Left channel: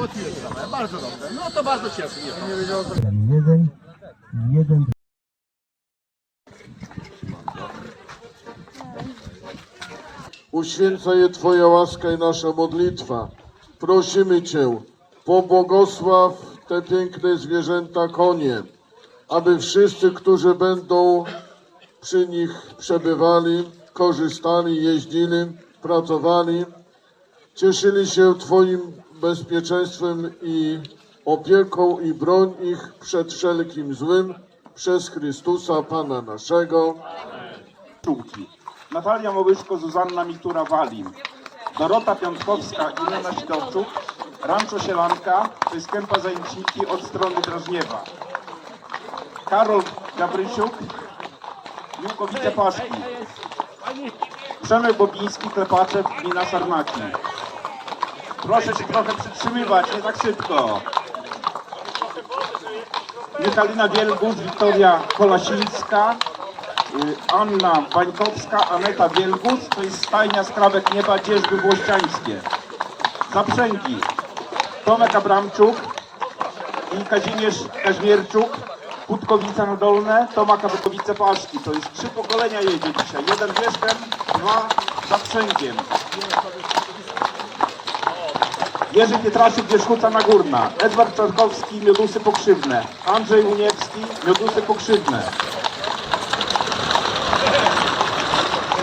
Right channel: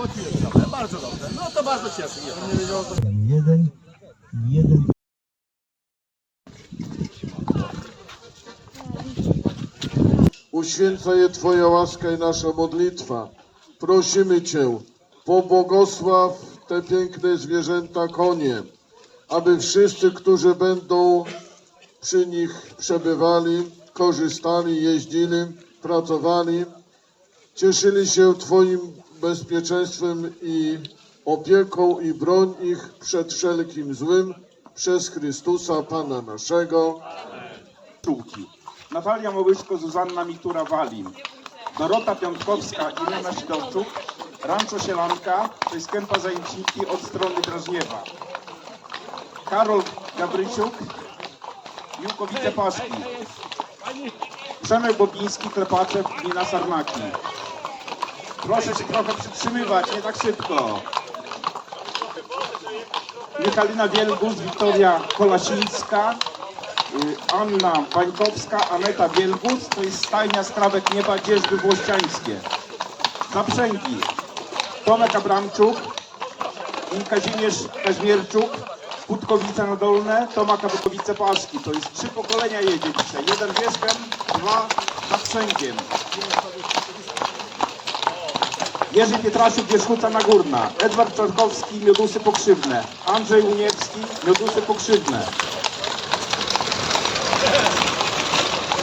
Załatwiłem sprawę, bardzo dobrze. No to bardzo cieszę mnie. Jeden, jeden. Uświęca je Twoja łaska i nasza modlitwa. Prosimy Cię, pobłogosław te piękne zwierzęta konie, aby wszyscy, którzy będą przy nich przebywali, korzystali, jeździli, pracowali, cieszyli się Twoim bezpieczeństwem i opieką i broń ich przed wszelkim złym przez Chrystusa Pana naszego. Pszczółki. Natalia Małyszko, Zuzanna Mitura-Walin. Dorota Piątkowska i Lena Sidorczuk. Rancho Sielanka, to kępa od strony Drażniewa. Karol Gabrysiuk, Miłkowice Paszki. Przemek Bobiński, Klepaczew, Gmina Sarnaki. Proszę się trochę przytrzymywać, nie tak szybko. Michalina Wielgus, Wiktoria Kolasińska, y, Anna Bańkowska, Aneta Wielgus, to jest stajnia Skrawek Nieba, Dzieżby Włościańskie. Zaprzęgi, Tomek Abramczuk i Kazimierz Kaźmierczuk, Putkowice na Dolne, Tomak Abramkowice Paszki. To jest trzy pokolenia jedzie dzisiaj. Jeden wierzchem, dwa zaprzęgiem. Jerzy Pietraszuk, Wierzchuca Nagórna, Edward Czarkowski, Miodusy Pokrzywne, Andrzej Uniewski, Miodusy Pokrzywne.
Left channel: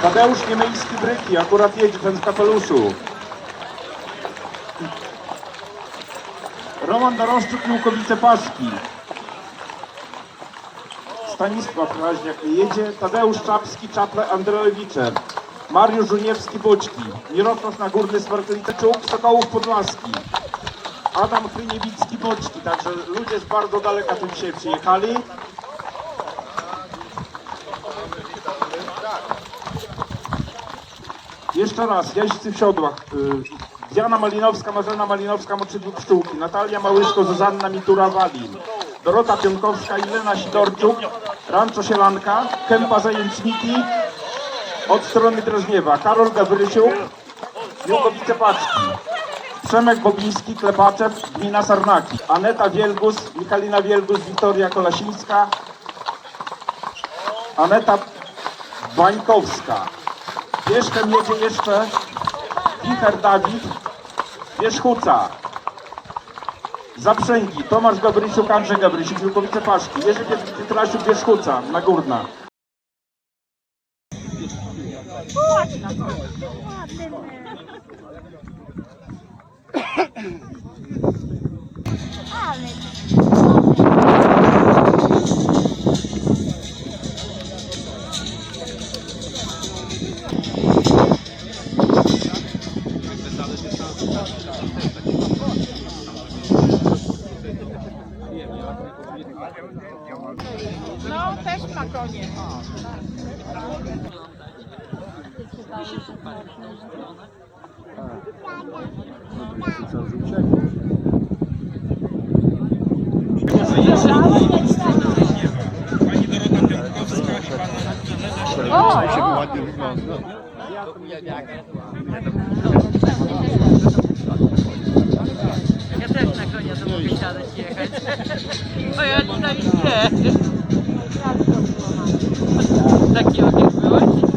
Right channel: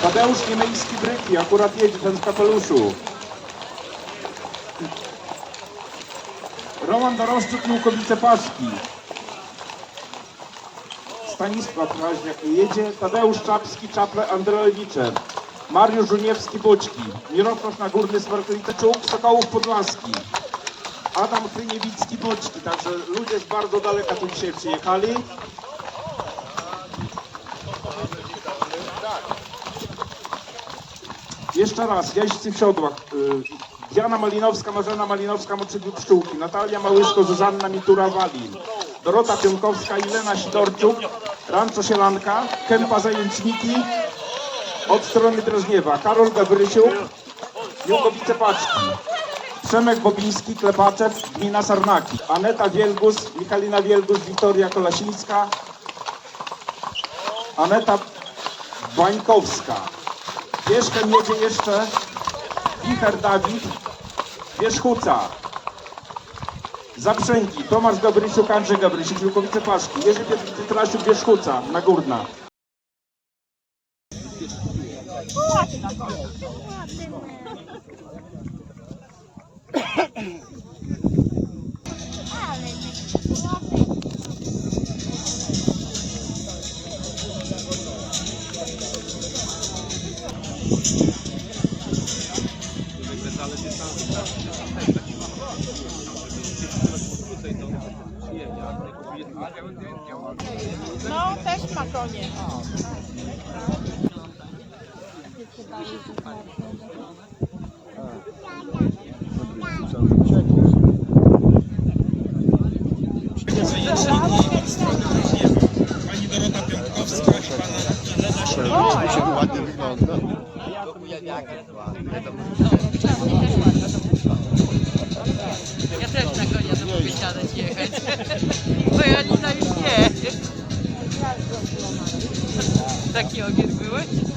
Tadeusz Niemejski Bryki, akurat jedzie ten w kapeluszu. Roman Doroszczuk, Łukowice Paski. Stanisław Raźniak jedzie, Tadeusz Czapski, Czaple, Andrelewiczer. Mariusz Żuniewski, Boczki. Mirosław Nagórny, Smarkowiteczuk, Sokołów Podlaski. Adam Kryniewicki, Boczki. Także ludzie z bardzo daleka tu dzisiaj przyjechali. Jeszcze raz, jeźdźcy w siodłach. Y, Diana Malinowska, Marzena Malinowska, Moczywi Pszczółki, Natalia Małyszko, Zuzanna Mitura-Walin, Dorota Pionkowska, Ilena Sidorczuk, Rancho Sielanka, Kępa Zajęczniki, od strony Drażniewa, Karol Gawrysiuk, Jugowice Paczki, Przemek Bobiński, Klepaczew, Gmina Sarnaki, Aneta Wielgus, Michalina Wielgus, Wiktoria Kolasińska, Aneta Bańkowska. Wierzchem jedzie jeszcze Wicher Dawid, Wierzchuca. Zaprzęgi, Tomasz Gabrysiuk, Andrzej Gabrysiuk, Wilkowice Paszki, Jerzy Pietrasiuk, Wierzchuca, Nagórna. No, Ja też na konia do Powiesiadać jechać. Bo ja nie nie. Taki ogień byłeś?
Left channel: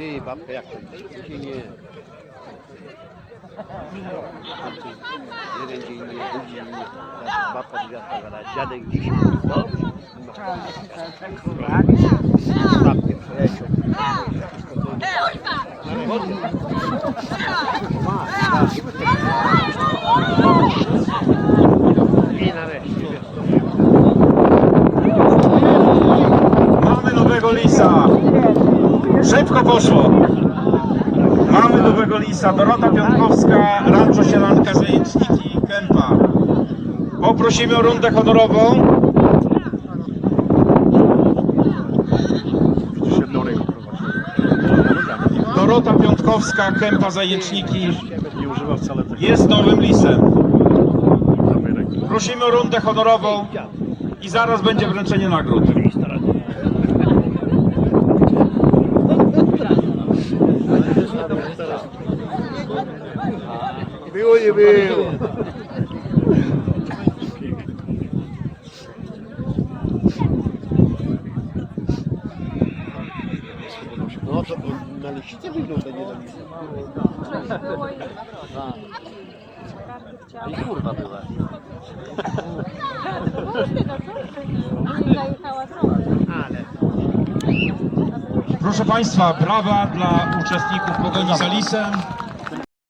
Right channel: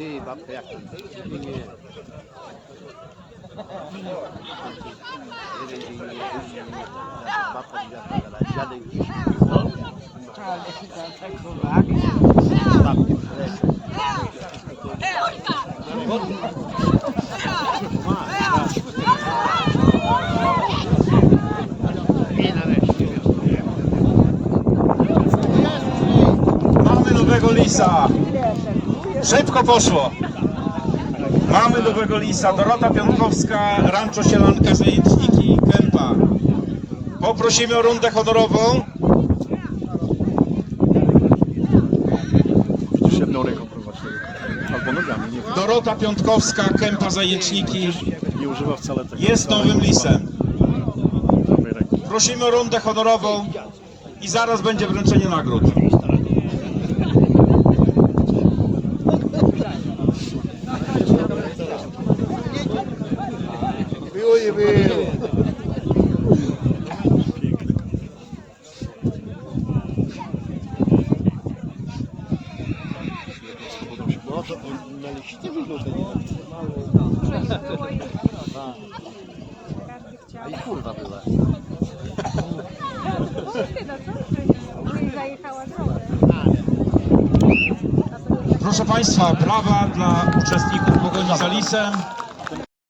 Ty, babka, jak? Nie, Mamy nowego lisa. Szybko poszło. Mamy nowego lisa. Dorota Piątkowska, Rancho Sielanka, Zajęczniki, Kępa. Poprosimy o rundę honorową. Dorota Piątkowska, Kępa, Zajęczniki. Jest nowym lisem. Prosimy o rundę honorową i zaraz będzie wręczenie nagród. Było nie było. Na wygląda nie I kurwa była. Zajechała drogę. Ale. Proszę Państwa, brawa dla uczestników pogoni za lisem.